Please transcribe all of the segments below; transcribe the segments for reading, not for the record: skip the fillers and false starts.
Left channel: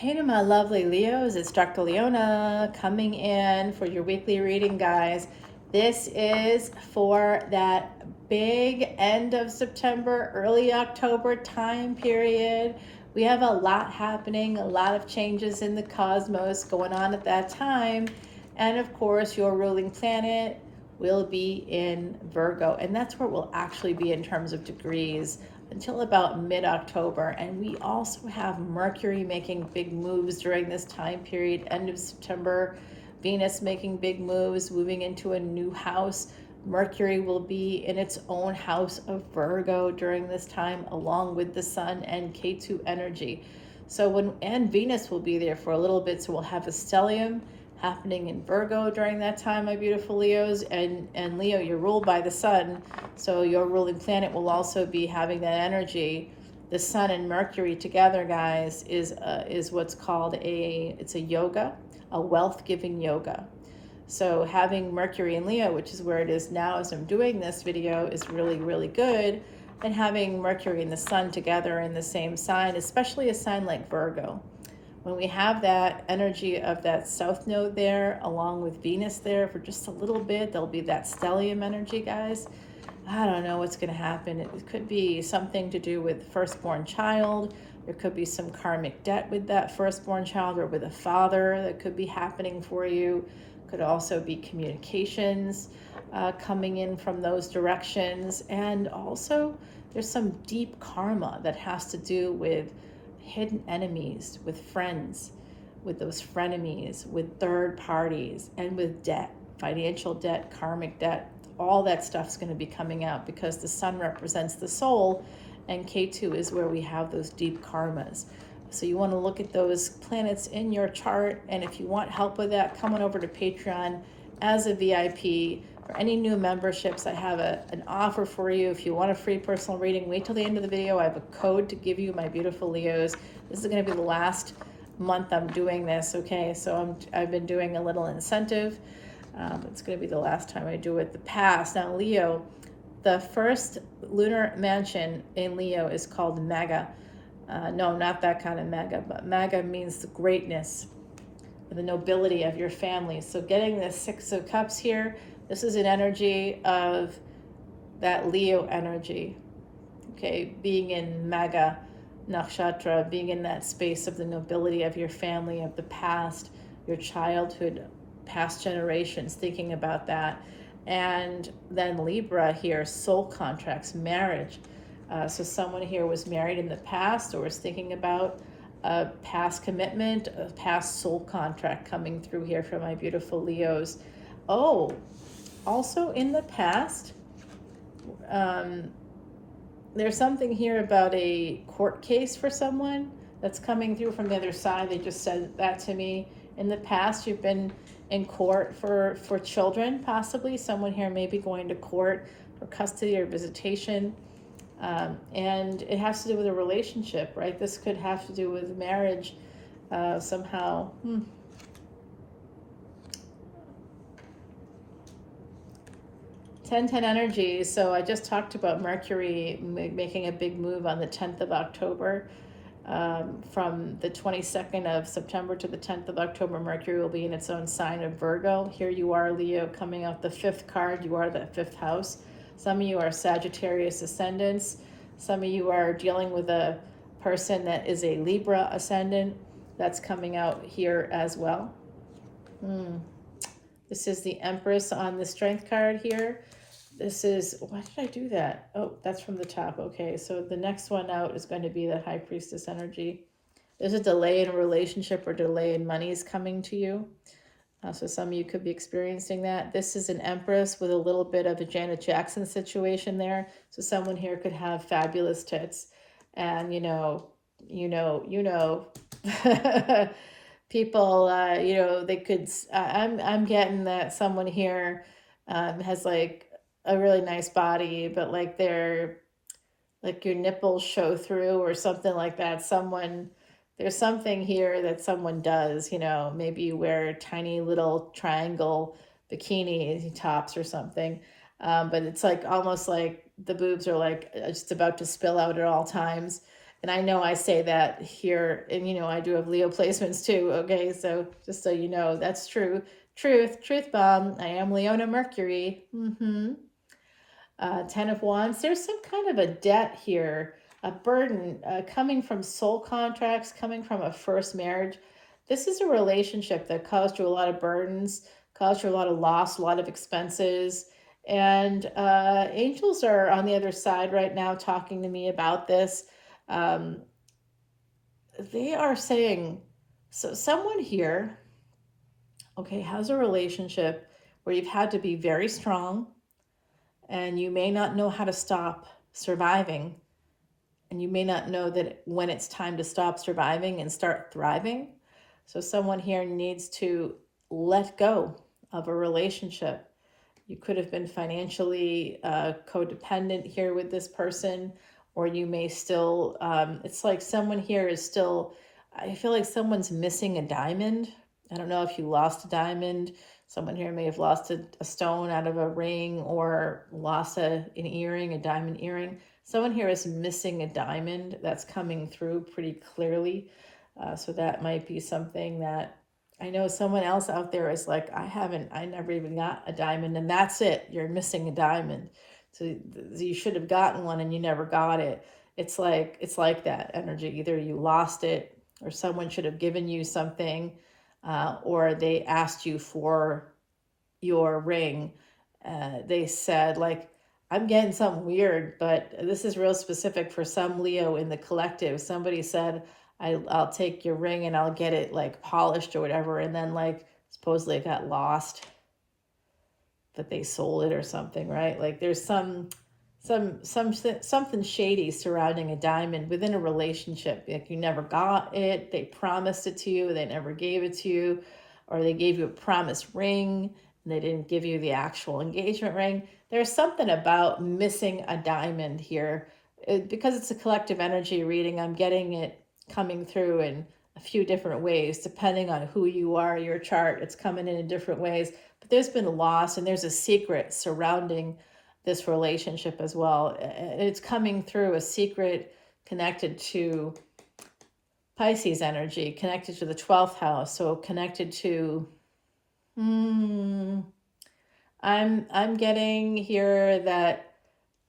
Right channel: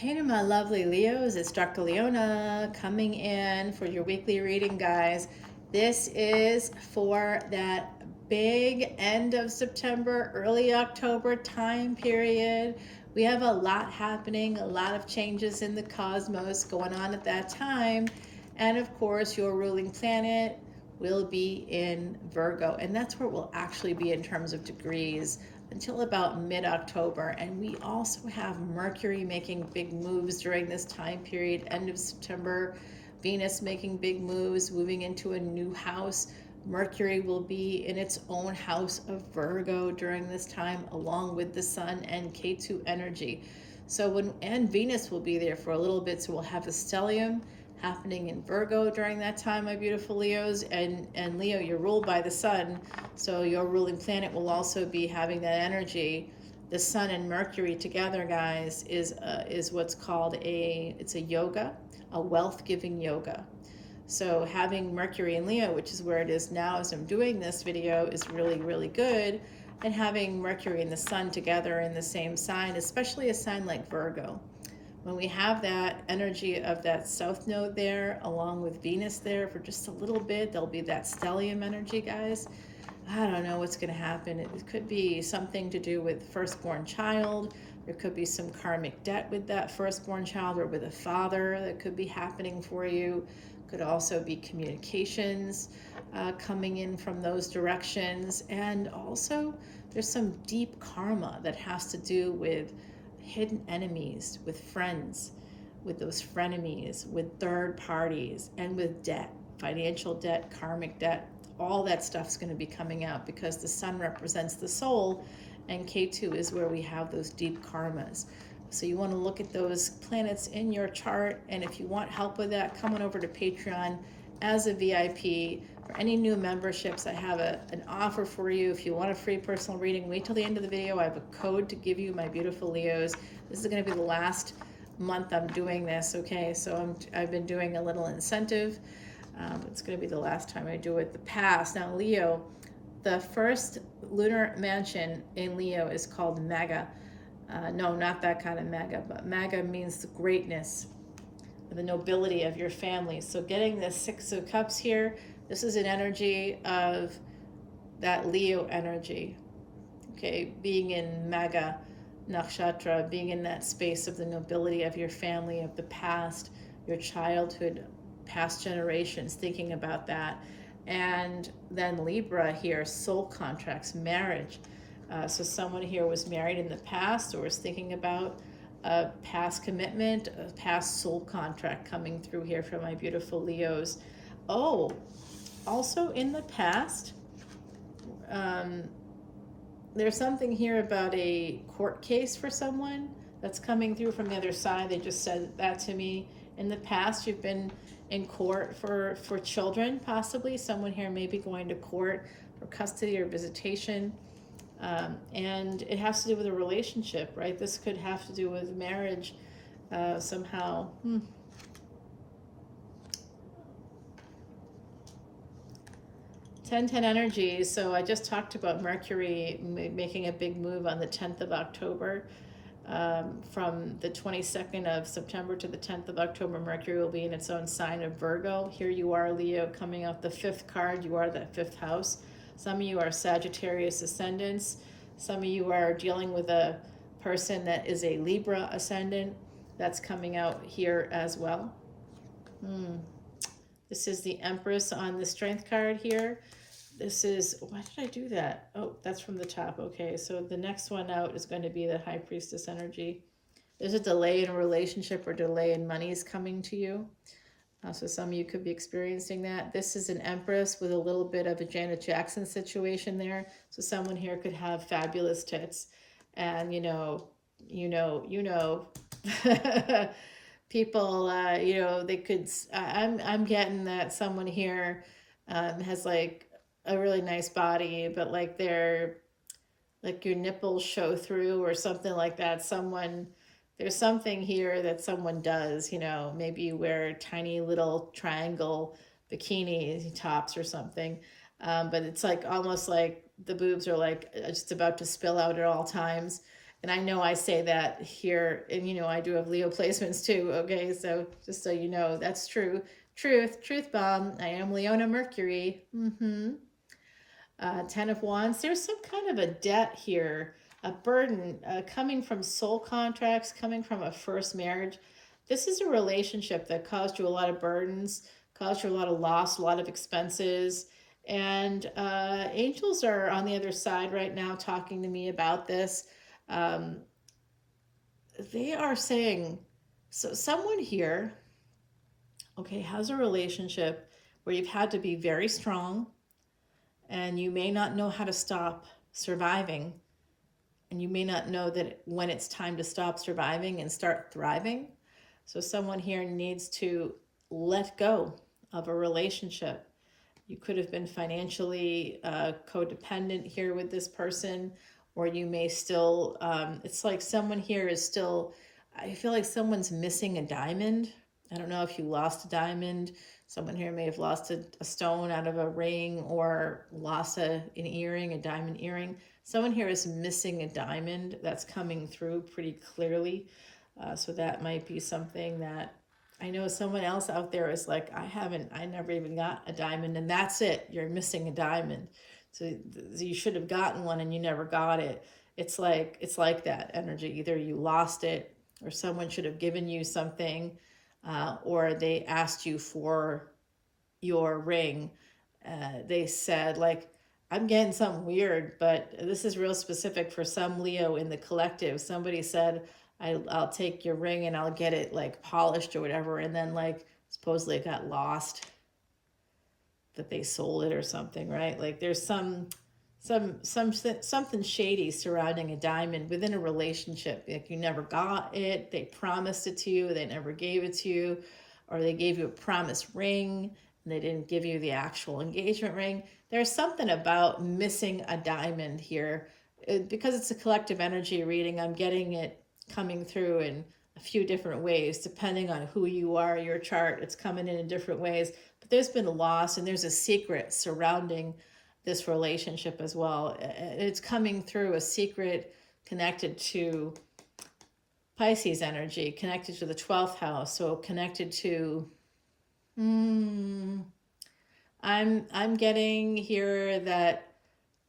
Hey to my lovely Leos, it's Dr. Leona coming in for your weekly reading, guys. This is for that big end of September, early October time period. We have a lot happening, a lot of changes in the cosmos going on at that time. And of course, your ruling planet will be in Virgo, and that's where we'll actually be in terms of degrees until about mid-October. And we also have Mercury making big moves during this time period, end of September. Venus making big moves, moving into a new house. Mercury will be in its own house of Virgo during this time, along with the Sun and K2 energy. And Venus will be there for a little bit, so we'll have a stellium happening in Virgo during that time, my beautiful Leos. And Leo, you're ruled by the Sun, so your ruling planet will also be having that energy. The Sun and Mercury together, guys, is what's called it's a yoga, a wealth-giving yoga. So having Mercury in Leo, which is where it is now as I'm doing this video, is really, really good. And having Mercury and the Sun together in the same sign, especially a sign like Virgo. When we have that energy of that south node there, along with Venus there for just a little bit, there'll be that stellium energy, guys. I don't know what's going to happen. It could be something to do with firstborn child. There could be some karmic debt with that firstborn child or with a father that could be happening for you. Could also be communications coming in from those directions. And also there's some deep karma that has to do with hidden enemies, with friends, with those frenemies, with third parties, and with debt, financial debt, karmic debt. All that stuff's going to be coming out because the Sun represents the soul and K2 is where we have those deep karmas. So you want to look at those planets in your chart, and if you want help with that, come on over to Patreon as a VIP. For any new memberships, I have an offer for you. If you want a free personal reading, wait till the end of the video. I have a code to give you, my beautiful Leos. This is going to be the last month I'm doing this, okay? So I've been doing a little incentive. It's going to be the last time I do it. The past. Now, Leo, the first lunar mansion in Leo is called Mega. No, not that kind of Mega, but Mega means the greatness, the nobility of your family. So getting this Six of Cups here, this is an energy of that Leo energy, okay? Being in Mega Nakshatra, being in that space of the nobility of your family, of the past, your childhood, past generations, thinking about that. And then Libra here, soul contracts, marriage. So someone here was married in the past or was thinking about a past commitment, a past soul contract coming through here for my beautiful Leos. Oh, also in the past, there's something here about a court case for someone that's coming through from the other side. They just said that to me. In the past, you've been in court for children, possibly. Someone here may be going to court for custody or visitation. And it has to do with a relationship, right? This could have to do with marriage somehow. 10-10 energy. So I just talked about Mercury making a big move on the 10th of October. From the 22nd of September to the 10th of October, Mercury will be in its own sign of Virgo. Here you are, Leo, coming out the fifth card. You are that fifth house. Some of you are Sagittarius ascendants. Some of you are dealing with a person that is a Libra ascendant. That's coming out here as well. This is the Empress on the Strength card here. This is, why did I do that? Oh, that's from the top. Okay, so the next one out is going to be the High Priestess energy. There's a delay in a relationship or delay in monies coming to you. So some of you could be experiencing that. This is an Empress with a little bit of a Janet Jackson situation there. So someone here could have fabulous tits. And you know, people, they could, I'm getting that someone here has like a really nice body, but like your nipples show through or something like that. There's something here that someone does, maybe you wear tiny little triangle bikini tops or something. But it's like almost like the boobs are like just about to spill out at all times. And I know I say that here, and you know, I do have Leo placements too. Okay, so just so you know, that's true. Truth bomb. I am Leona Mercury. Ten of Wands. There's some kind of a debt here, a burden coming from soul contracts, coming from a first marriage. This is a relationship that caused you a lot of burdens, caused you a lot of loss, a lot of expenses. And angels are on the other side right now talking to me about this. Um, they are saying, so someone here, okay, has a relationship where you've had to be very strong and you may not know how to stop surviving, and you may not know that when it's time to stop surviving and start thriving. So someone here needs to let go of a relationship. You could have been financially codependent here with this person, or you may still, it's like someone here is still, I feel like someone's missing a diamond. I don't know if you lost a diamond. Someone here may have lost a stone out of a ring, or lost an earring, a diamond earring. Someone here is missing a diamond that's coming through pretty clearly. So that might be something that I know someone else out there is like, I never even got a diamond, and that's it. You're missing a diamond. So you should have gotten one and you never got it. It's like that energy. Either you lost it, or someone should have given you something, or they asked you for your ring. They said, like, I'm getting something weird, but this is real specific for some Leo in the collective. Somebody said, I'll take your ring and I'll get it like polished or whatever. And then like supposedly it got lost, that they sold it or something, right? Like there's something shady surrounding a diamond within a relationship. Like you never got it, they promised it to you, they never gave it to you, or they gave you a promise ring and they didn't give you the actual engagement ring. There's something about missing a diamond here. Because it's a collective energy reading, I'm getting it coming through in a few different ways, depending on who you are, your chart. It's coming in different ways. But there's been a loss, and there's a secret surrounding this relationship as well. It's coming through a secret connected to Pisces energy, connected to the 12th house, so connected to I'm getting here that,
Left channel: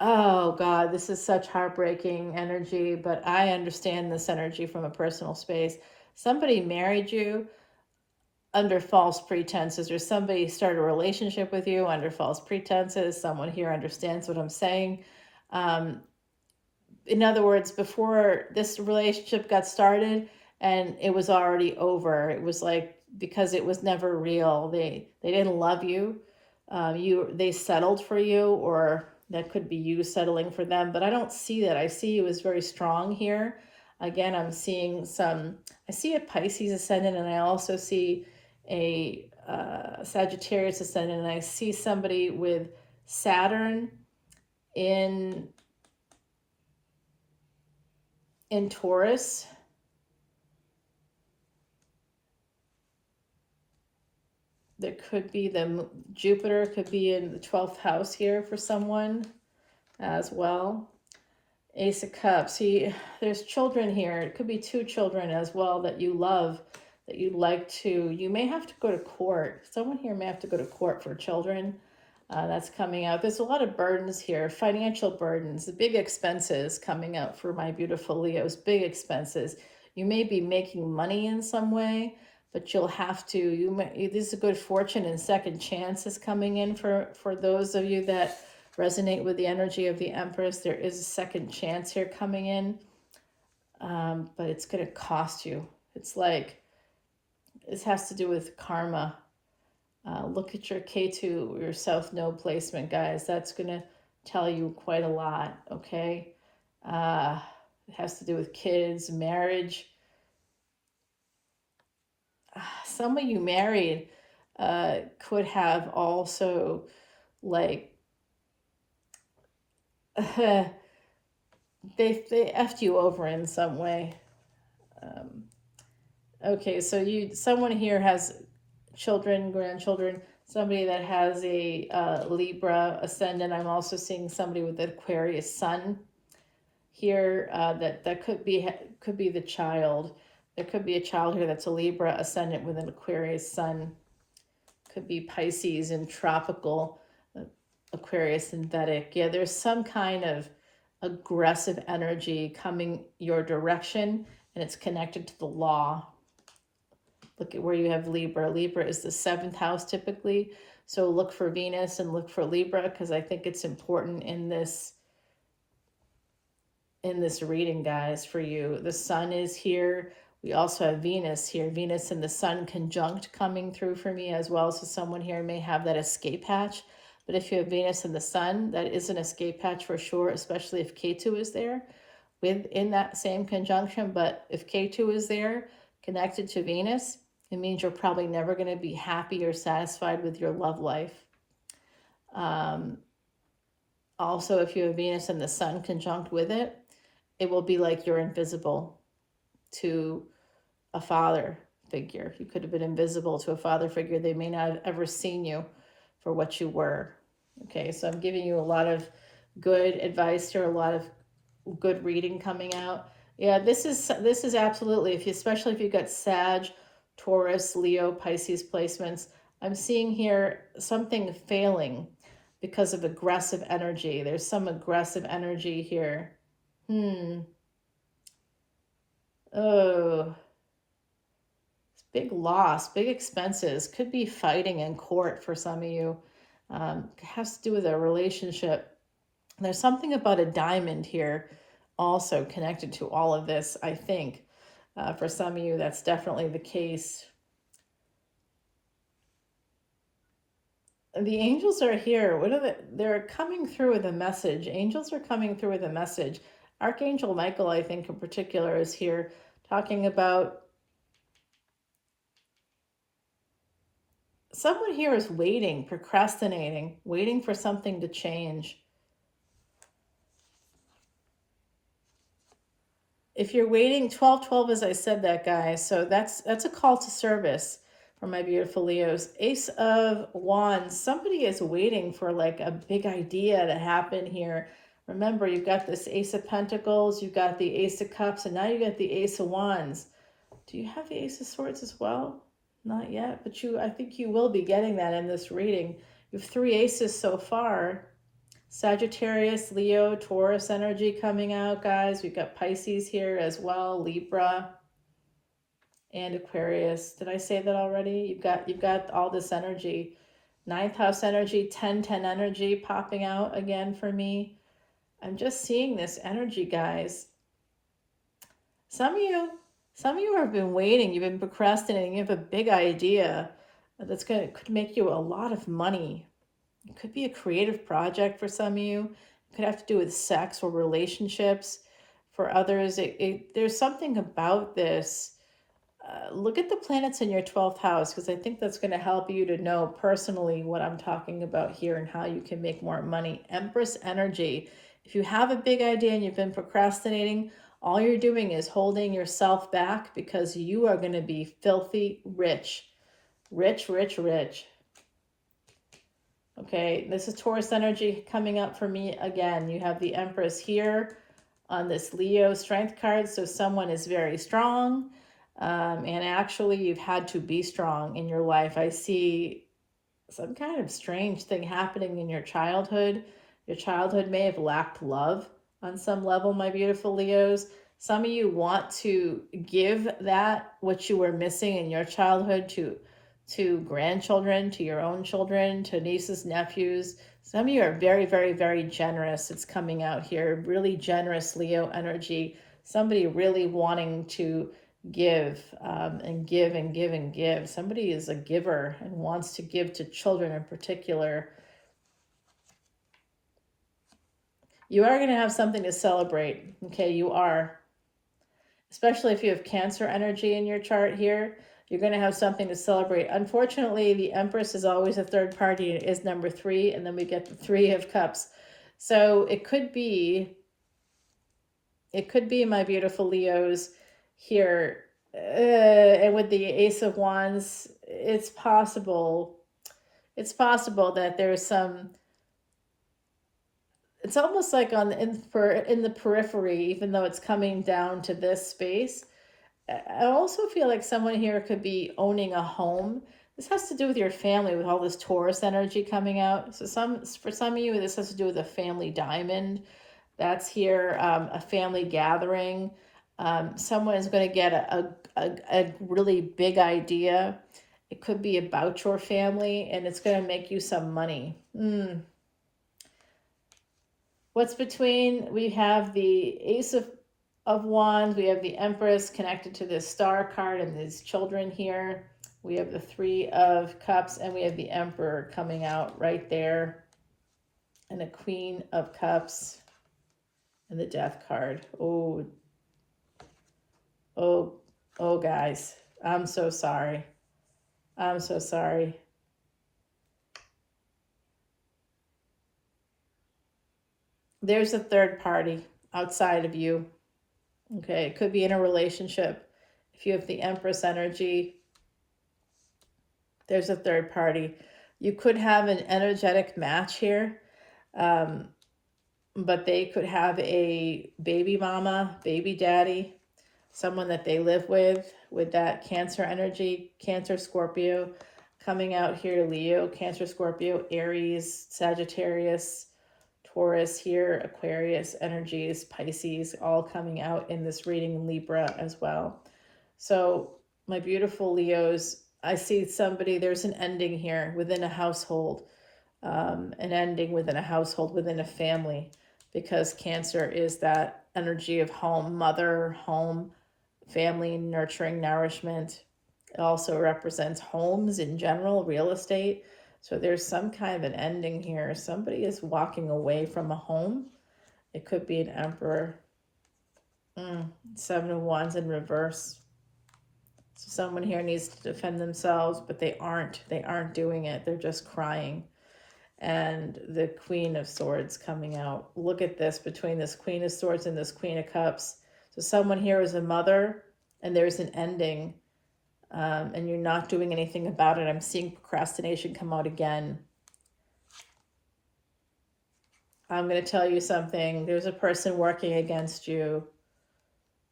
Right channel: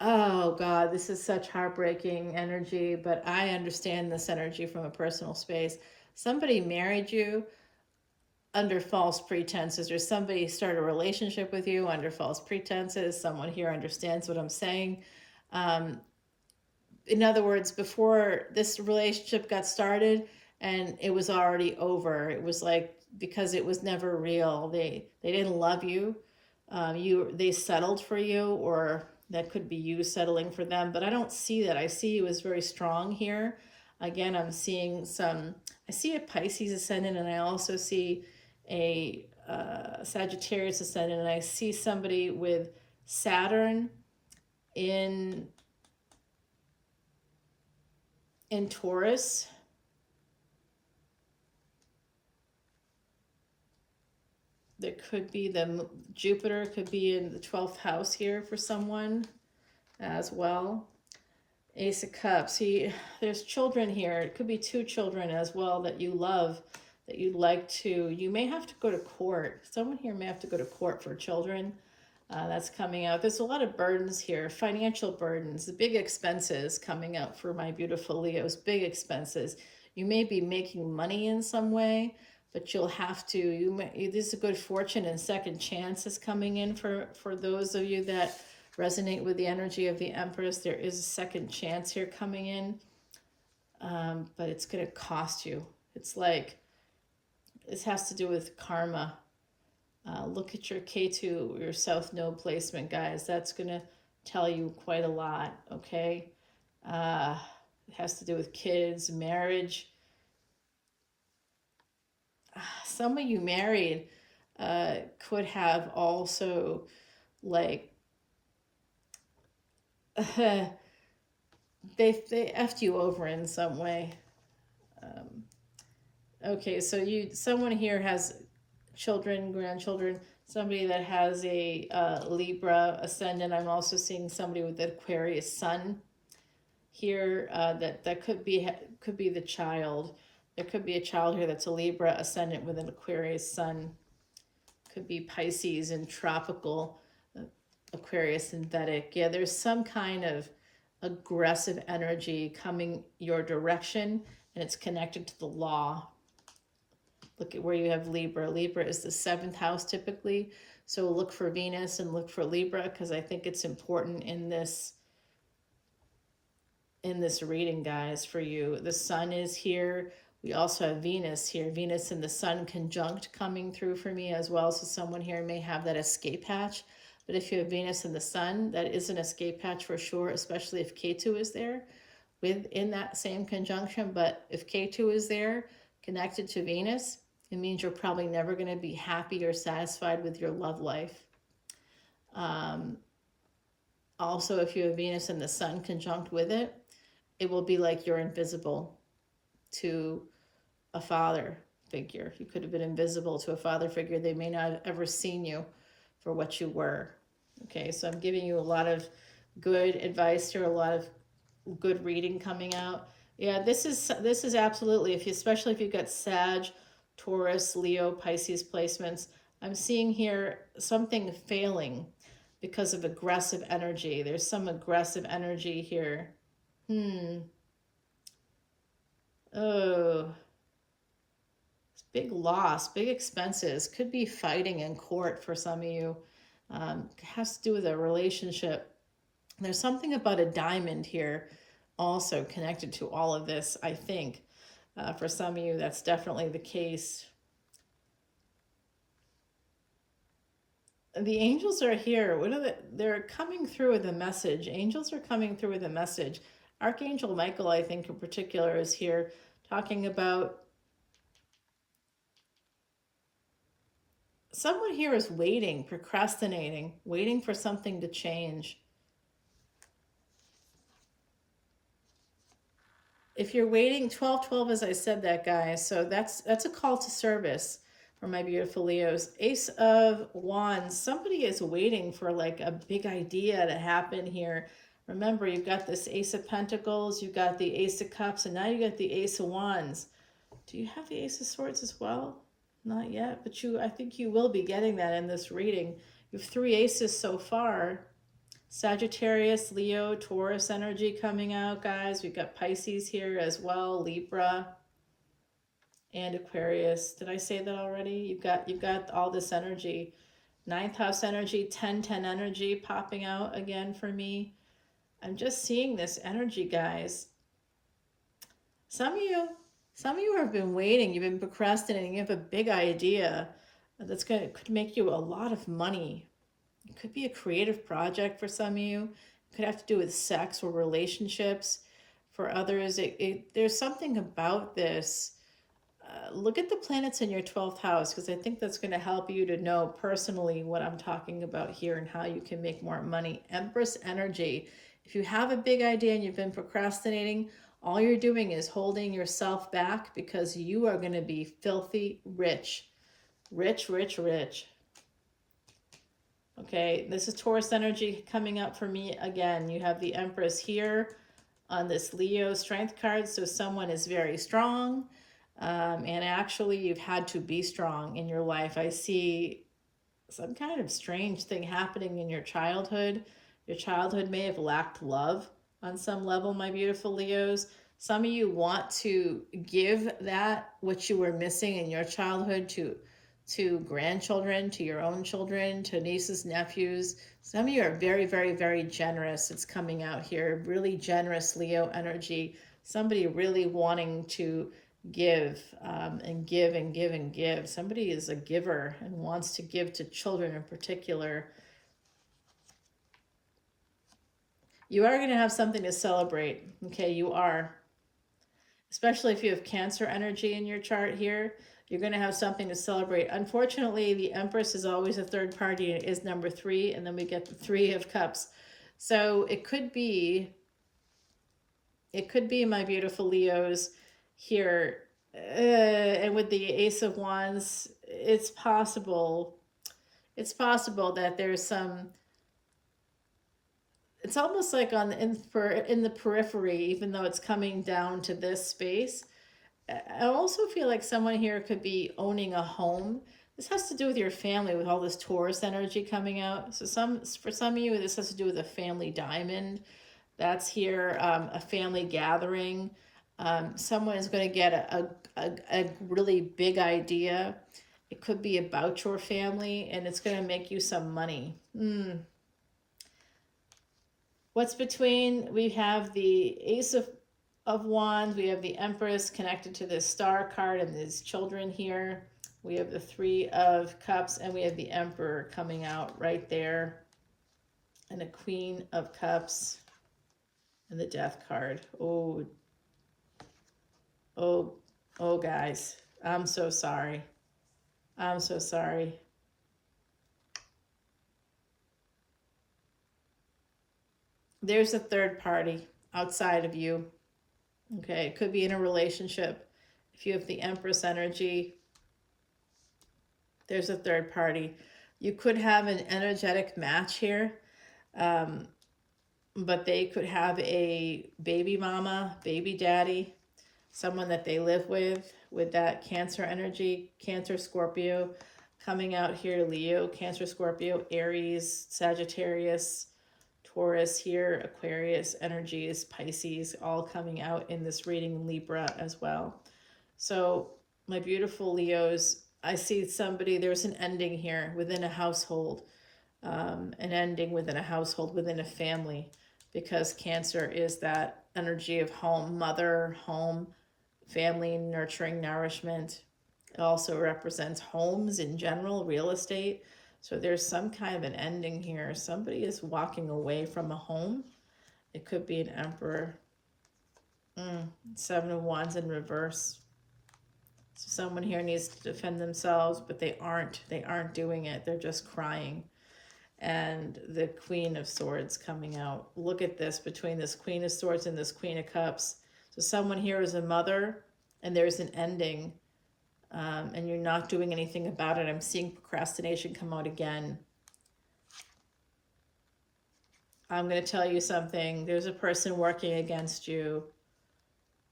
oh God, this is such heartbreaking energy, but I understand this energy from a personal space. Somebody married you under false pretenses, or somebody started a relationship with you under false pretenses. Someone here understands what I'm saying. In other words, before this relationship got started and it was already over, it was like, because it was never real. They didn't love you. They settled for you, or that could be you settling for them. But I don't see that. I see you as very strong here. Again, I'm seeing I see a Pisces ascendant, and I also see a Sagittarius ascendant, and I see somebody with Saturn in Taurus. There could be Jupiter could be in the 12th house here for someone as well. Ace of Cups. There's children here. It could be two children as well that you love, that you'd like to. You may have to go to court. Someone here may have to go to court for children. That's coming out. There's a lot of burdens here, financial burdens, big expenses coming out for my beautiful Leos, big expenses. You may be making money in some way, but you'll have to, this is a good fortune and second chances coming in for those of you that resonate with the energy of the Empress. There is a second chance here coming in, but it's going to cost you. It's like, this has to do with karma. Look at your K2, your South Node placement, guys. That's going to tell you quite a lot, okay? It has to do with kids, marriage. Some of you married could have also, like, they effed you over in some way. Okay, so someone here has children, grandchildren, somebody that has a Libra ascendant. I'm also seeing somebody with an Aquarius sun. here, that could be the child. There could be a child here that's a Libra ascendant with an Aquarius sun. Could be Pisces and tropical, Aquarius and Vedic. Yeah, there's some kind of aggressive energy coming your direction, and it's connected to the law. Look at where you have Libra. Libra is the 7th house typically. So look for Venus and look for Libra, because I think it's important in this reading, guys, for you. The sun is here. We also have Venus here. Venus and the sun conjunct coming through for me as well. So someone here may have that escape hatch. But if you have Venus and the sun, that is an escape hatch for sure, especially if K2 is there within that same conjunction. But if K2 is there connected to Venus, it means you're probably never going to be happy or satisfied with your love life. Also, if you have Venus and the sun conjunct with it, it will be like you're invisible to a father figure. You could have been invisible to a father figure. They may not have ever seen you for what you were. Okay, so I'm giving you a lot of good advice here, a lot of good reading coming out. Yeah, this is absolutely, especially if you've got Sag, Taurus, Leo, Pisces placements. I'm seeing here something failing because of aggressive energy. There's some aggressive energy here. Oh, it's big loss, big expenses. Could be fighting in court for some of you. It has to do with a relationship. There's something about a diamond here also connected to all of this, I think. For some of you, that's definitely the case. The angels are here. They're coming through with a message. Angels are coming through with a message. Archangel Michael, I think in particular, is here talking about someone here is waiting, procrastinating, waiting for something to change. If you're waiting, 12-12, as I said that, guys. So that's a call to service for my beautiful Leos. Ace of Wands. Somebody is waiting for like a big idea to happen here. Remember, you've got this Ace of Pentacles, you've got the Ace of Cups, and now you got the Ace of Wands. Do you have the Ace of Swords as well? Not yet, but I think you will be getting that in this reading. You have 3 aces so far. Sagittarius, Leo, Taurus energy coming out, guys. We've got Pisces here as well, Libra, and Aquarius. Did I say that already? You've got all this energy. 9th house energy, 10-10 energy popping out again for me. I'm just seeing this energy, guys. Some of you have been waiting. You've been procrastinating. You have a big idea that's could make you a lot of money. It could be a creative project for some of you. It could have to do with sex or relationships. For others, there's something about this. Look at the planets in your 12th house, because I think that's going to help you to know personally what I'm talking about here and how you can make more money. Empress energy. If you have a big idea and you've been procrastinating, all you're doing is holding yourself back, because you are going to be filthy rich. Rich, rich, rich. Okay, this is Taurus energy coming up for me again. You have the Empress here on this Leo strength card. So someone is very strong. And actually, you've had to be strong in your life. I see some kind of strange thing happening in your childhood. Your childhood may have lacked love on some level, my beautiful Leos. Some of you want to give that what you were missing in your childhood to grandchildren, to your own children, to nieces, nephews. Some of you are very, very, very generous. It's coming out here. Really generous Leo energy. Somebody really wanting to give and give and give and give. Somebody is a giver and wants to give to children in particular. You are going to have something to celebrate. Okay, you are. Especially if you have Cancer energy in your chart here, you're going to have something to celebrate. Unfortunately, the Empress is always a third party. It is number 3, and then we get the 3 of Cups. So it could be my beautiful Leos here. And with the Ace of Wands, it's possible that there's some it's almost like in the periphery, even though it's coming down to this space. I also feel like someone here could be owning a home. This has to do with your family, with all this Taurus energy coming out. So for some of you, this has to do with a family diamond. That's here, a family gathering. Someone is going to get a really big idea. It could be about your family, and it's going to make you some money. What's between? We have the Ace of Wands. We have the Empress connected to this Star card and these children here. We have the Three of Cups, and we have the Emperor coming out right there, and a Queen of Cups, and the Death card. Oh, guys, I'm so sorry. I'm so sorry. There's a third party outside of you. Okay, it could be in a relationship. If you have the Empress energy, there's a third party. You could have an energetic match here, but they could have a baby mama, baby daddy, someone that they live with that Cancer energy, Cancer, Scorpio, coming out here, Leo, Cancer, Scorpio, Aries, Sagittarius, Taurus here, Aquarius energies, Pisces, all coming out in this reading, Libra as well. So my beautiful Leos, I see somebody, there's an ending here within a household, an ending within a household, within a family, because Cancer is that energy of home, mother, home, family, nurturing, nourishment. It also represents homes in general, real estate. So there's some kind of an ending here. Somebody is walking away from a home. It could be an Emperor. Seven of Wands in reverse. So someone here needs to defend themselves, but they aren't. They aren't doing it. They're just crying. And the Queen of Swords coming out. Look at this, between this Queen of Swords and this Queen of Cups. So someone here is a mother, and there's an ending, and you're not doing anything about it. I'm seeing procrastination come out again. I'm going to tell you something. There's a person working against you.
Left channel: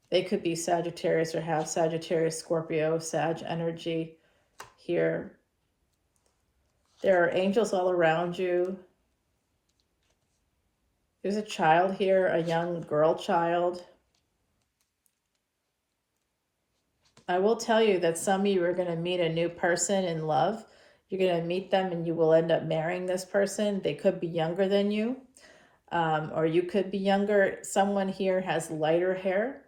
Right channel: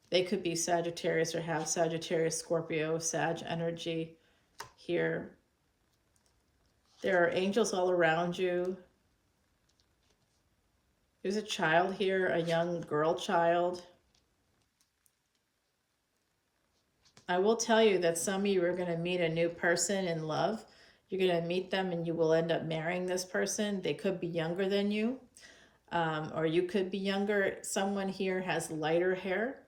They could be Sagittarius or have Sagittarius, Scorpio, Sag energy here. There are angels all around you. There's a child here, a young girl child. I will tell you that some of you are going to meet a new person in love. You're going to meet them and you will end up marrying this person. They could be younger than you, or you could be younger. Someone here has lighter hair,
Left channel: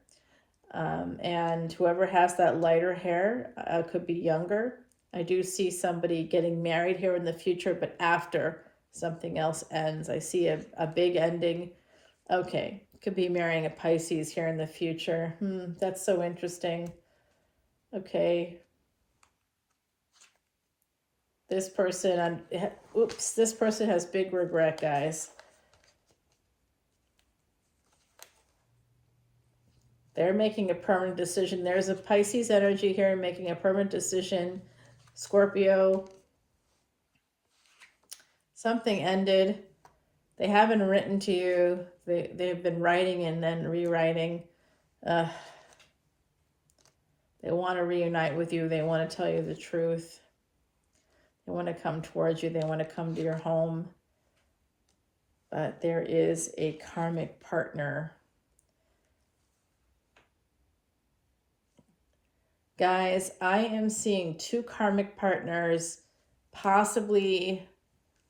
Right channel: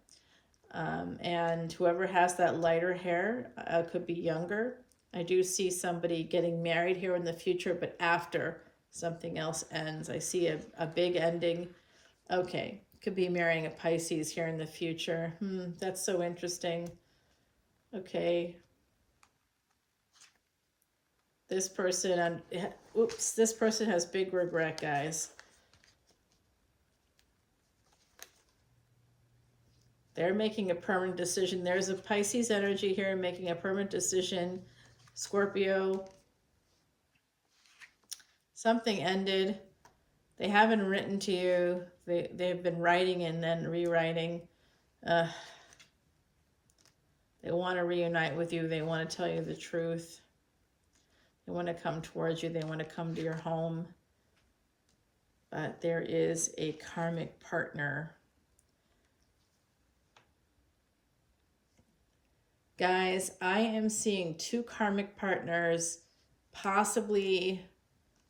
and whoever has that lighter hair could be younger. I do see somebody getting married here in the future, but after something else ends. I see a big ending. Okay, could be marrying a Pisces here in the future. That's so interesting. Okay. This person, this person has big regret, guys. They're making a permanent decision. There's a Pisces energy here making a permanent decision. Scorpio. Something ended. They haven't written to you. They've been writing and then rewriting. They want to reunite with you. They want to tell you the truth. They want to come towards you. They want to come to your home. But there is a karmic partner. Guys, I am seeing two karmic partners possibly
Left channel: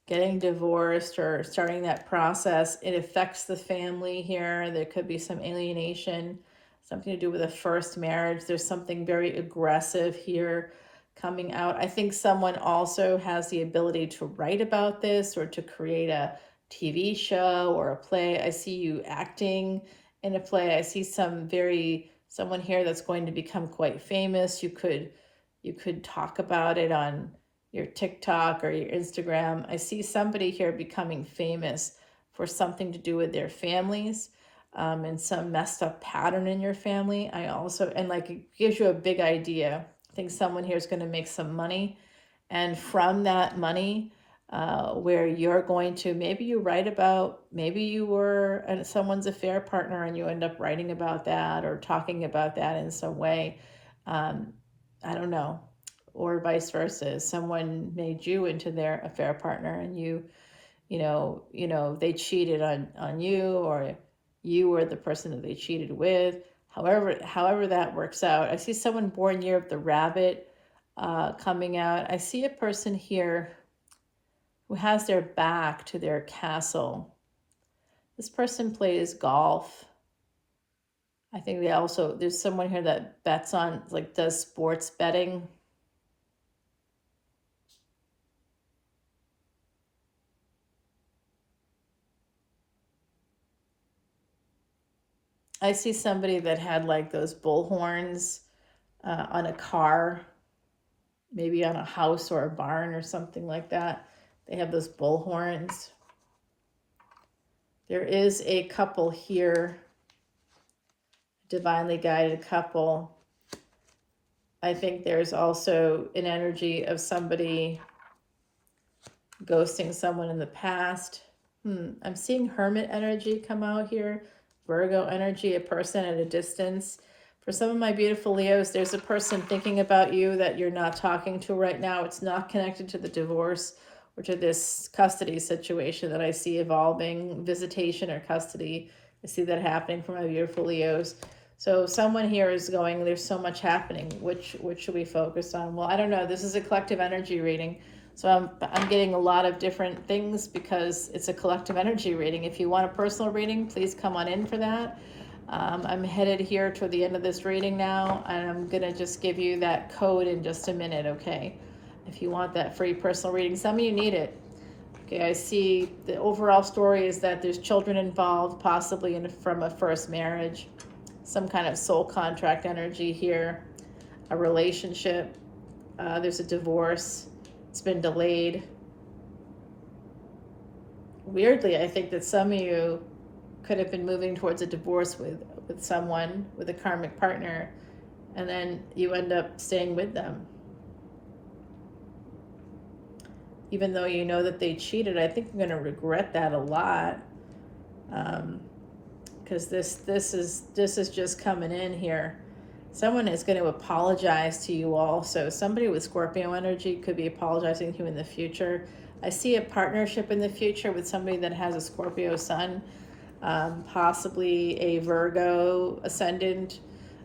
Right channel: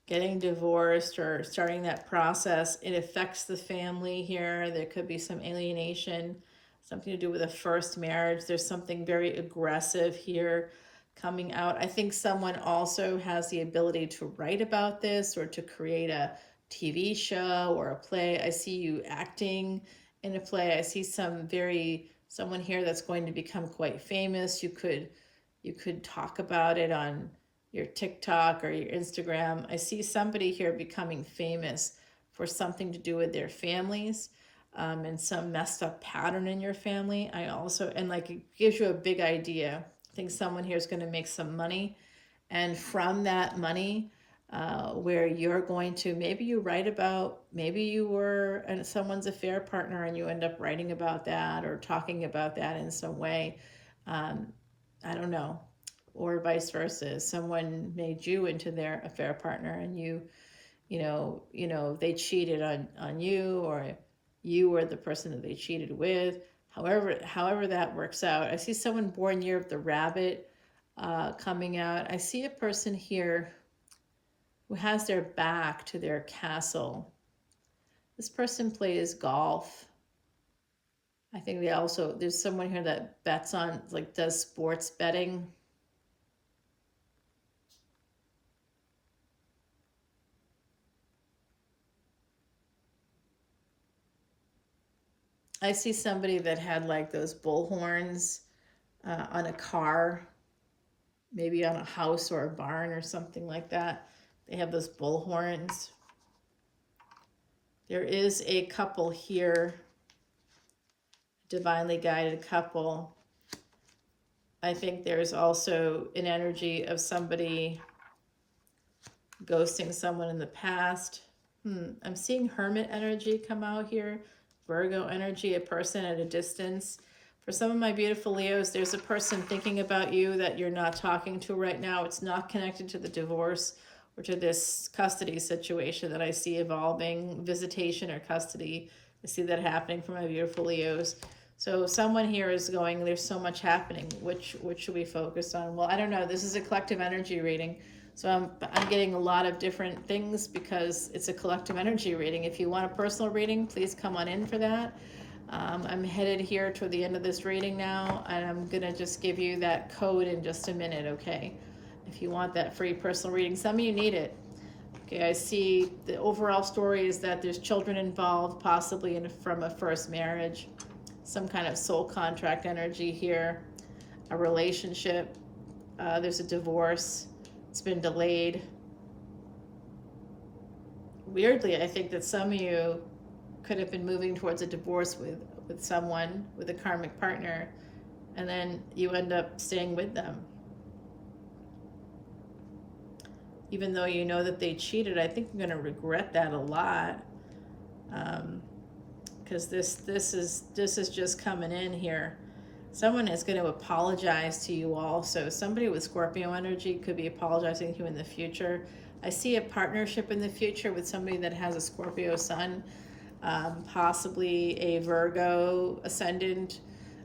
getting divorced or starting that process. It affects the family here. There could be some alienation, something to do with a first marriage. There's something very aggressive here coming out. I think someone also has the ability to write about this or to create a TV show or a play. I see you acting in a play. I see someone here that's going to become quite famous. You could talk about it on your TikTok or your Instagram. I see somebody here becoming famous for something to do with their families, and some messed up pattern in your family. It gives you a big idea. I think someone here is going to make some money, and from that money, where you're going to, maybe you write about, maybe you were someone's affair partner and you end up writing about that or talking about that in some way. I don't know. Or vice versa. Someone made you into their affair partner and they cheated on you, or you were the person that they cheated with. However that works out. I see someone born year of the rabbit coming out. I see a person here who has their back to their castle. This person plays golf. I think there's someone here that bets on, like, does sports betting. I see somebody that had like those bull horns on a car, maybe on a house or a barn or something like that. They have those bull horns. There is a couple here, divinely guided couple. I think there's also an energy of somebody ghosting someone in the past. I'm seeing hermit energy come out here. Virgo energy, a person at a distance. For some of my beautiful Leos, there's a person thinking about you that you're not talking to right now. It's not connected to the divorce or to this custody situation that I see evolving, visitation or custody. I see that happening for my beautiful Leos. So someone here is going, there's so much happening. Which should we focus on? Well, I don't know. This is a collective energy reading. So I'm getting a lot of different things because it's a collective energy reading. If you want a personal reading, please come on in for that. I'm headed here toward the end of this reading now, and I'm going to just give you that code in just a minute, okay? If you want that free personal reading. Some of you need it. Okay, I see the overall story is that there's children involved, possibly from a first marriage, some kind of soul contract energy here, a relationship, there's a divorce. It's been delayed. Weirdly, I think that some of you could have been moving towards a divorce with someone, with a karmic partner, and then you end up staying with them. Even though you know that they cheated, I think you're going to regret that a lot. Because this is just coming in here. Someone is going to apologize to you also. Somebody with Scorpio energy could be apologizing to you in the future. I see a partnership in the future with somebody that has a Scorpio sun, possibly a Virgo ascendant,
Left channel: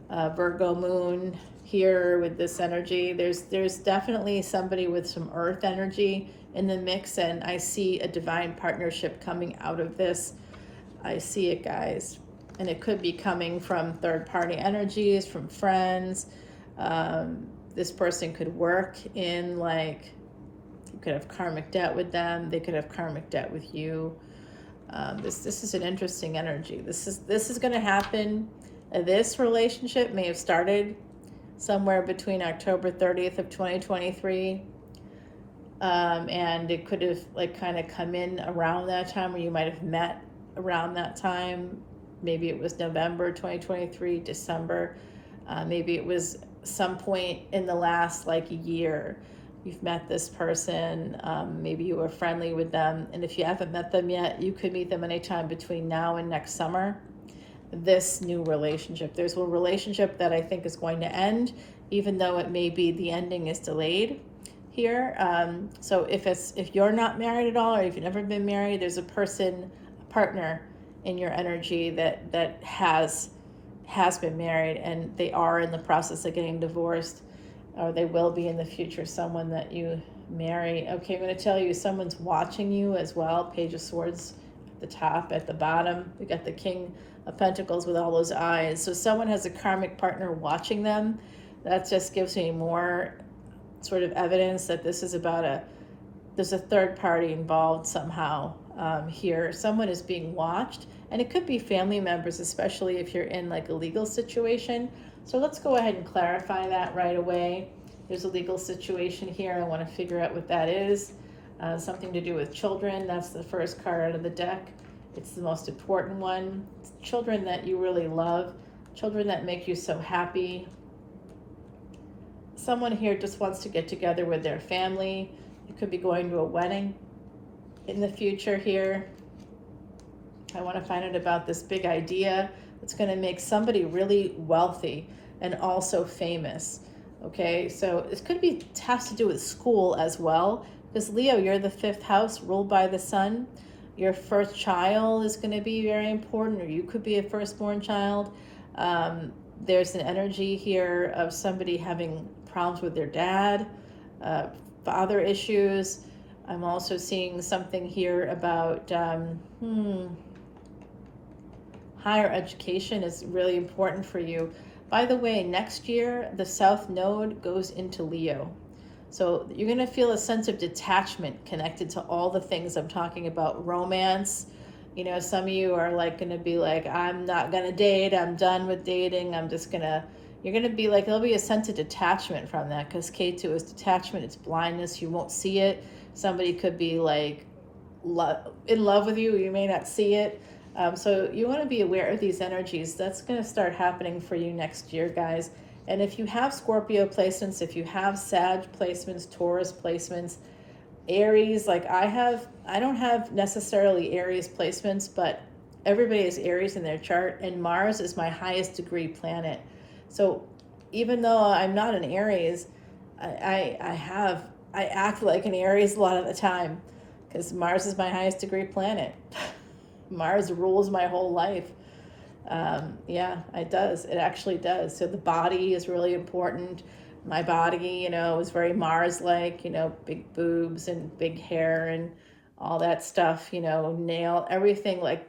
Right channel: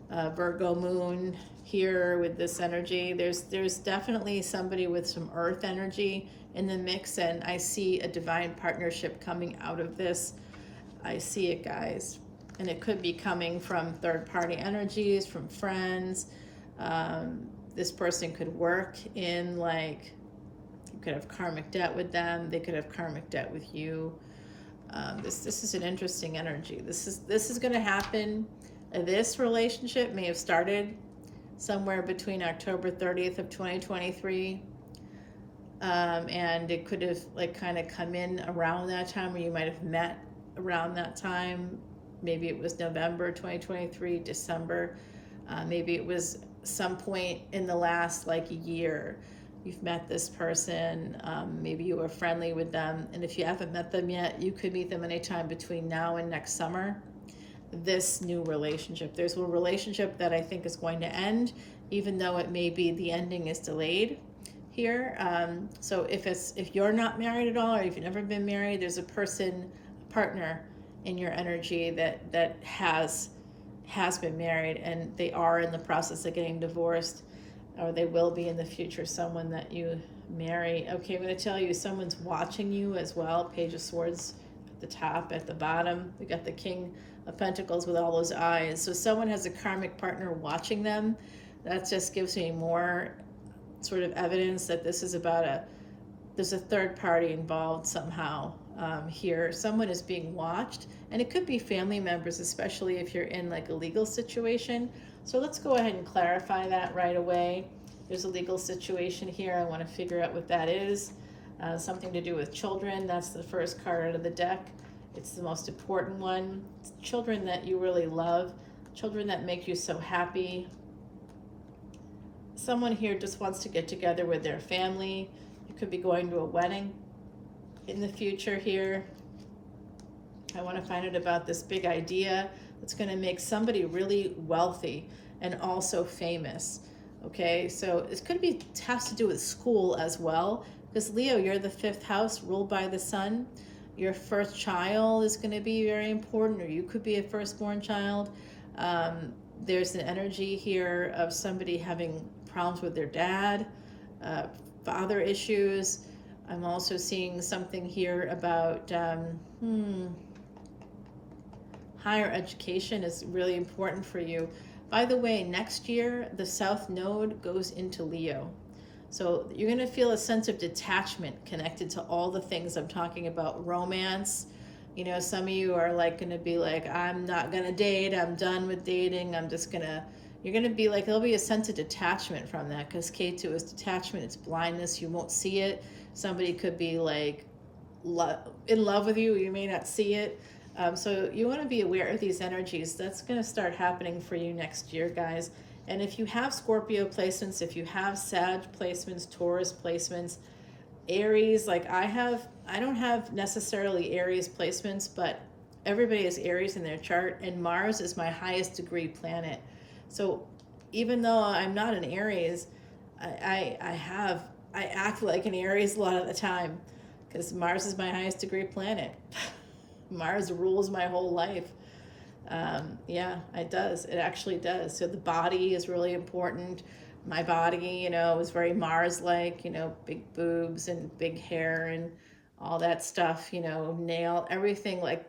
Virgo moon here with this energy. There's definitely somebody with some earth energy in the mix, and I see a divine partnership coming out of this. I see it, guys. And it could be coming from third-party energies, from friends. This person could work in, like, you could have karmic debt with them. They could have karmic debt with you. This is an interesting energy. This is going to happen. This relationship may have started somewhere between October 30th of 2023. And it could have, like, kind of come in around that time, or you might have met around that time. Maybe it was November 2023, December. Maybe it was some point in the last, like, year. You've met this person. Maybe you were friendly with them. And if you haven't met them yet, you could meet them anytime between now and next summer. This new relationship. There's a relationship that I think is going to end, even though it may be the ending is delayed here. So if you're not married at all, or if you've never been married, there's a partner in your energy that has been married, and they are in the process of getting divorced, or they will be in the future, someone that you marry. Okay, I'm going to tell you, someone's watching you as well. Page of Swords at the top, at the bottom. We got the King of Pentacles with all those eyes. So someone has a karmic partner watching them. That just gives me more sort of evidence that this is about there's a third party involved somehow here. Someone is being watched, and it could be family members, especially if you're in, like, a legal situation. So let's go ahead and clarify that right away. There's a legal situation here. I want to figure out what that is. Something to do with children. That's the first card out of the deck. It's the most important one. It's children that you really love, children that make you so happy. Someone here just wants to get together with their family. You could be going to a wedding. in the future here. I want to find out about this big idea that's going to make somebody really wealthy and also famous. Okay, so it could be has to do with school as well, because Leo, you're the fifth house ruled by the sun. Your first child is going to be very important, or you could be a firstborn child. There's an energy here of somebody having problems with their dad, father issues. I'm also seeing something here about higher education is really important for you. By the way, next year, the South Node goes into Leo. So you're going to feel a sense of detachment connected to all the things I'm talking about. Romance. You know, some of you are like going to be like, I'm not going to date. I'm done with dating. I'm just going to, you're going to be like, there'll be a sense of detachment from that, because K2 is detachment. It's blindness. You won't see it. Somebody could be like in love with you. You may not see it. So you want to be aware of these energies. That's going to start happening for you next year, guys. And if you have Scorpio placements, if you have Sag placements, Taurus placements, Aries, like I don't have necessarily Aries placements, but everybody has Aries in their chart, and Mars is my highest degree planet. So even though I'm not an Aries, I act like an Aries a lot of the time, because Mars is my highest degree planet. Mars rules my whole life. Yeah, it does. It actually does. So the body is really important. My body, you know, is very Mars-like, you know, big boobs and big hair and all that stuff, you know, nail, everything like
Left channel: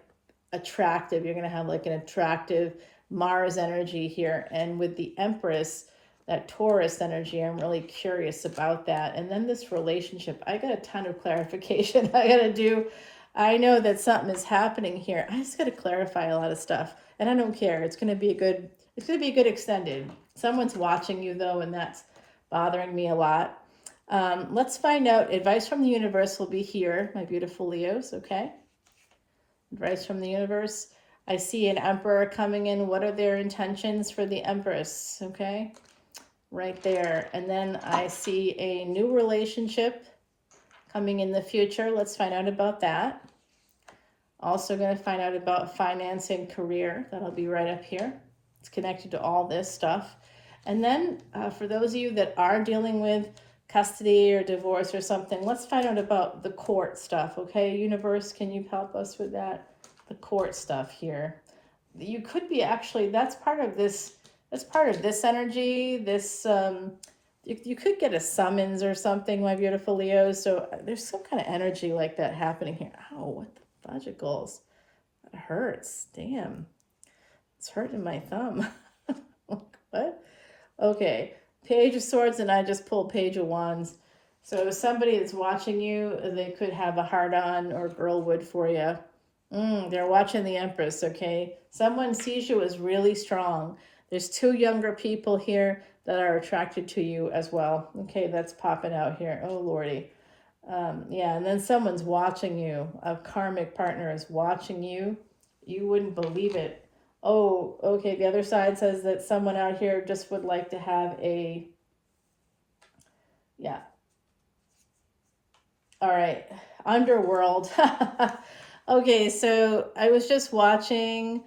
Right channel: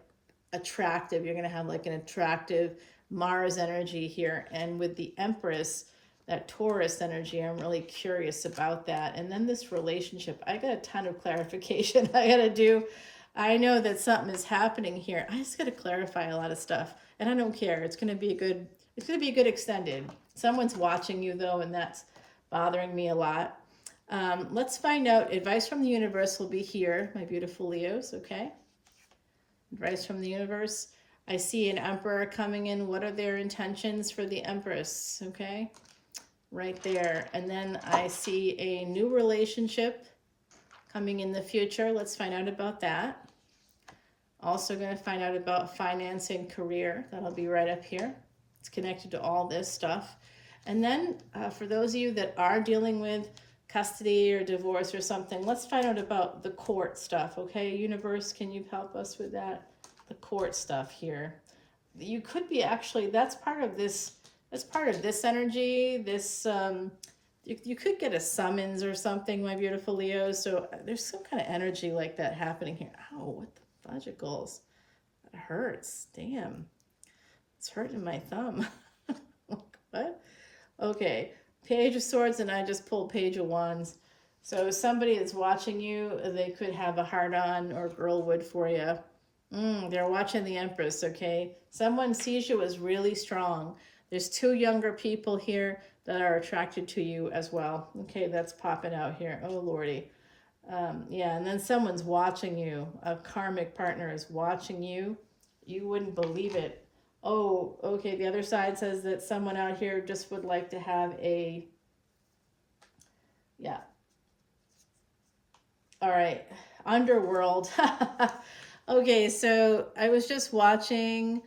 attractive. You're going to have like an attractive Mars energy here. And with the Empress, that Taurus energy, I'm really curious about that. And then this relationship, I got a ton of clarification I got to do. I know that something is happening here. I just got to clarify a lot of stuff, and I don't care. It's going to be a good. It's going to be a good extended. Someone's watching you though, and that's bothering me a lot. Let's find out. Advice from the universe will be here, my beautiful Leos. Okay. Advice from the universe. I see an emperor coming in. What are their intentions for the Empress? Okay. Right there. And then I see a new relationship coming in the future. Let's find out about that. Also going to find out about finance and career. That'll be right up here. It's connected to all this stuff. And then for those of you that are dealing with custody or divorce or something, let's find out about the court stuff. Okay, universe, can you help us with that? The court stuff here. You could be actually, that's part of this energy. This you could get a summons or something, my beautiful Leos. So there's some kind of energy like that happening here. Oh, what the fudgicles? It hurts. Damn. It's hurting my thumb. What? Okay. Page of Swords, and I just pulled Page of Wands. So somebody that's watching you, they could have a heart-on, or girl would for you. They're watching the Empress, okay? Someone sees you as really strong. There's two younger people here that are attracted to you as well. Okay, that's popping out here. Oh, Lordy. Yeah, and then someone's watching you. A karmic partner is watching you. You wouldn't believe it. Oh, okay, the other side says that someone out here just would like to have a... Yeah. All right. Underworld. Okay, so I was just watching...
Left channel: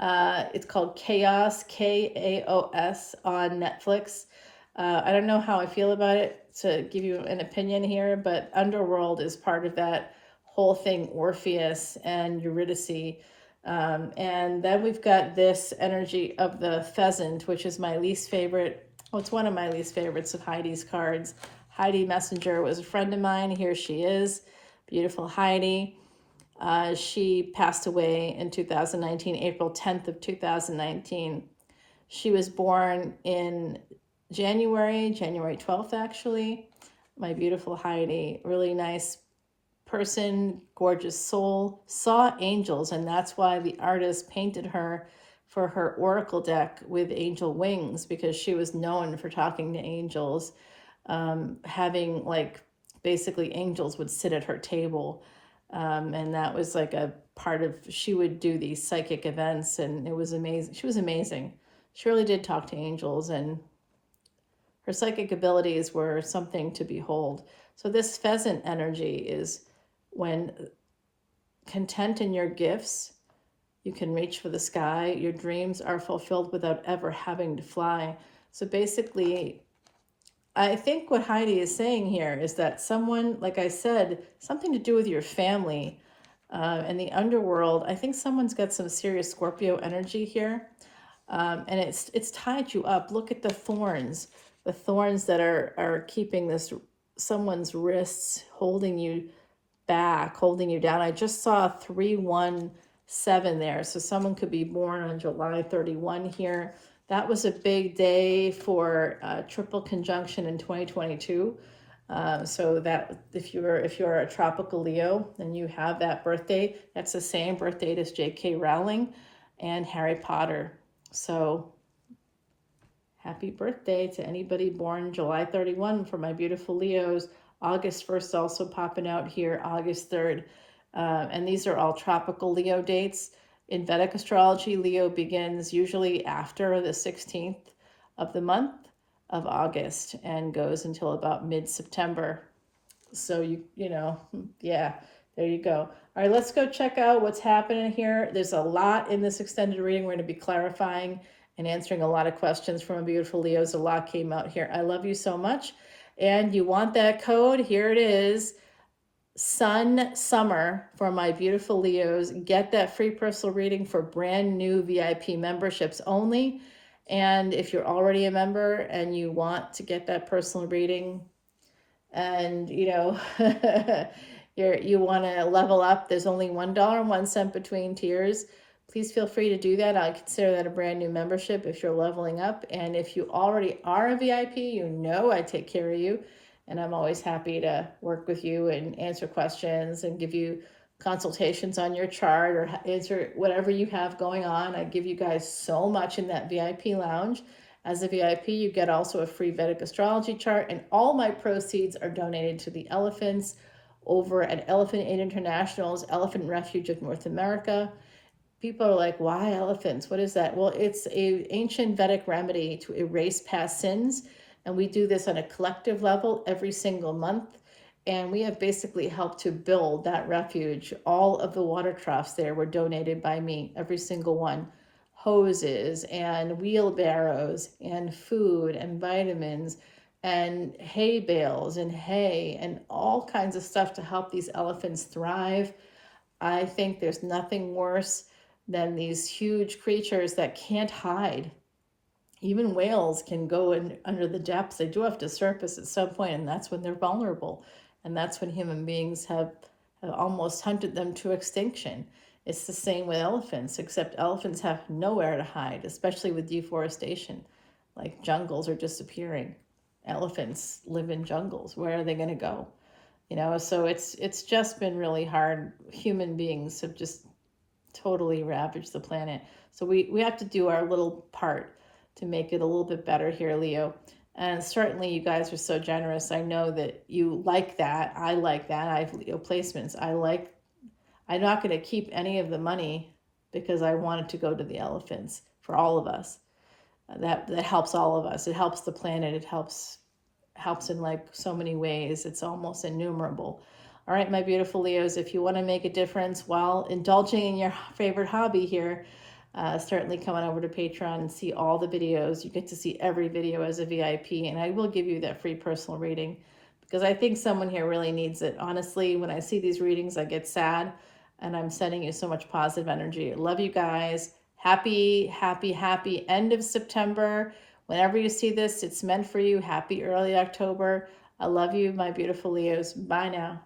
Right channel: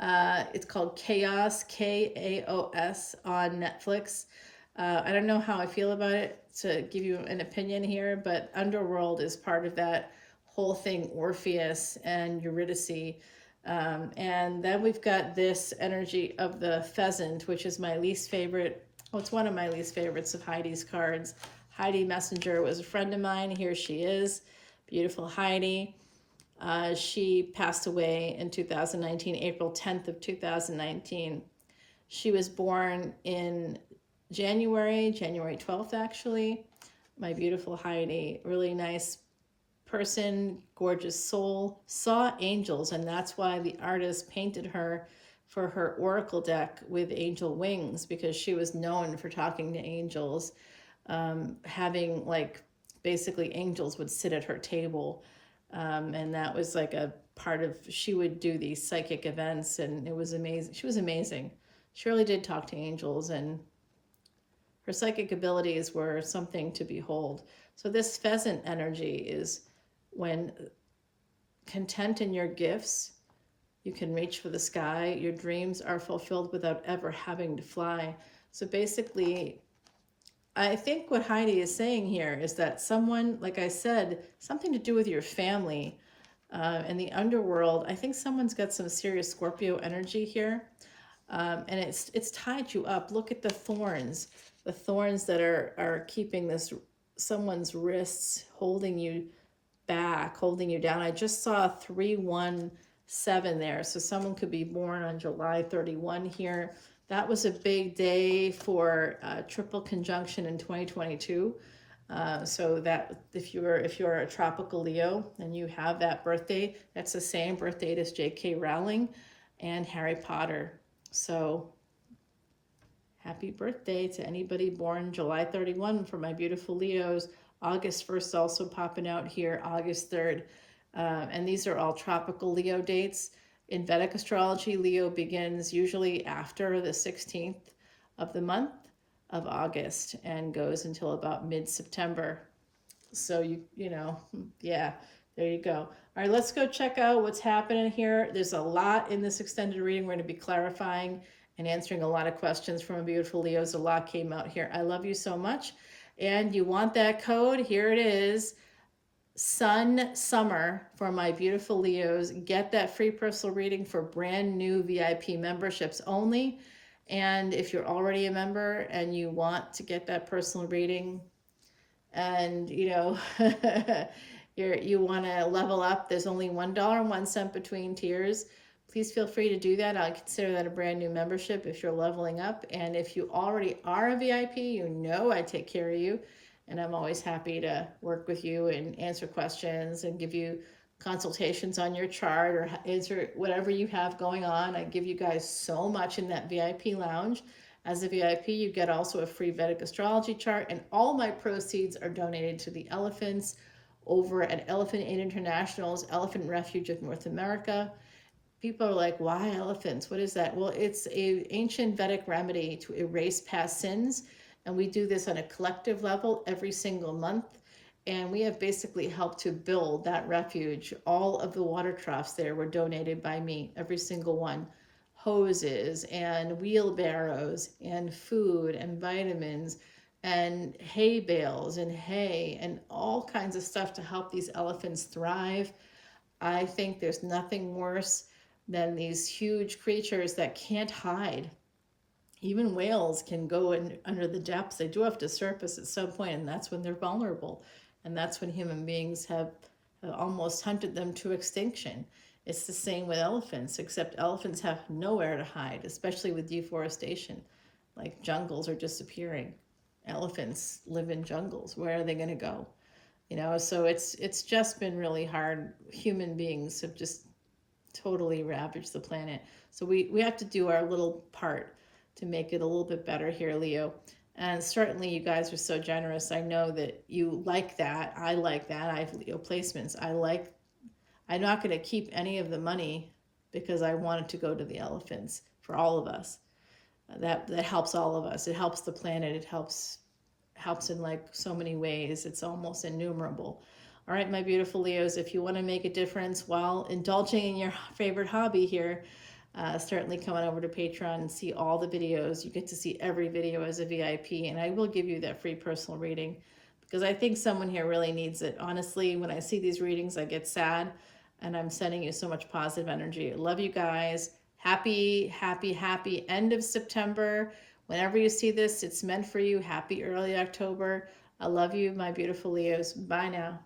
it's called Chaos, K-A-O-S, on Netflix. I don't know how I feel about it to give you an opinion here, but Underworld is part of that whole thing, Orpheus and Eurydice. And then we've got this energy of the pheasant, which is my least favorite. Oh, it's one of my least favorites of Heidi's cards. Heidi Messenger was a friend of mine. Here she is. Beautiful Heidi. She passed away in 2019, April 10th of 2019. She was born in January 12th, actually. My beautiful Heidi, really nice person, gorgeous soul, saw angels, and that's why the artist painted her for her oracle deck with angel wings, because she was known for talking to angels, having like basically angels would sit at her table. And that was like a part of, she would do these psychic events, and it was amazing. She was amazing. She really did talk to angels, and her psychic abilities were something to behold. So this pheasant energy is when content in your gifts, you can reach for the sky. Your dreams are fulfilled without ever having to fly. So basically, I think what Heidi is saying here is that someone, like I said, something to do with your family and the underworld. I think someone's got some serious Scorpio energy here, and it's tied you up. Look at the thorns that are keeping this someone's wrists, holding you back, holding you down. I just saw 317 there, so someone could be born on July 31 here. That was a big day for triple conjunction in 2022. So that if you're a tropical Leo and you have that birthday, that's the same birth date as J.K. Rowling and Harry Potter. So happy birthday to anybody born July 31 for my beautiful Leos. August 1st also popping out here, August 3rd. And these are all tropical Leo dates. In Vedic astrology, Leo begins usually after the 16th of the month of August and goes until about mid-September. So you know, yeah, there you go. All right, let's go check out what's happening here. There's a lot in this extended reading. We're going to be clarifying and answering a lot of questions from beautiful Leos. A lot came out here. I love you so much. And you want that code? Here it is. Sun Summer for my beautiful Leos. Get that free personal reading for brand new VIP memberships only. And if you're already a member and you want to get that personal reading and you know you want to level up, there's only $1.01 between tiers. Please feel free to do that. I consider that a brand new membership if you're leveling up. And if you already are a VIP, you know I take care of you. And I'm always happy to work with you and answer questions and give you consultations on your chart or answer whatever you have going on. I give you guys so much in that VIP lounge. As a VIP, you get also a free Vedic astrology chart, and all my proceeds are donated to the elephants over at Elephant Aid International's Elephant Refuge of North America. People are like, why elephants? What is that? Well, it's an ancient Vedic remedy to erase past sins. And we do this on a collective level every single month. And we have basically helped to build that refuge. All of the water troughs there were donated by me, every single one. Hoses and wheelbarrows and food and vitamins and hay bales and hay and all kinds of stuff to help these elephants thrive. I think there's nothing worse than these huge creatures that can't hide. Even whales can go in under the depths. They do have to surface at some point, and that's when they're vulnerable. And that's when human beings have almost hunted them to extinction. It's the same with elephants, except elephants have nowhere to hide, especially with deforestation. Like jungles are disappearing. Elephants live in jungles. Where are they going to go? You know, so it's just been really hard. Human beings have just totally ravaged the planet. So we have to do our little part to make it a little bit better here, Leo. And certainly you guys are so generous. I know that you like that. I like that. I have Leo placements. I'm not going to keep any of the money because I want it to go to the elephants for all of us. That helps all of us. It helps the planet. It helps in like so many ways. It's almost innumerable. All right, my beautiful Leos, if you want to make a difference while indulging in your favorite hobby here, certainly come on over to Patreon and see all the videos. You get to see every video as a VIP, and I will give you that free personal reading because I think someone here really needs it. Honestly, when I see these readings, I get sad, and I'm sending you so much positive energy. I love you guys. Happy, happy, happy end of September. Whenever you see this, it's meant for you. Happy early October. I love you, my beautiful Leos. Bye now.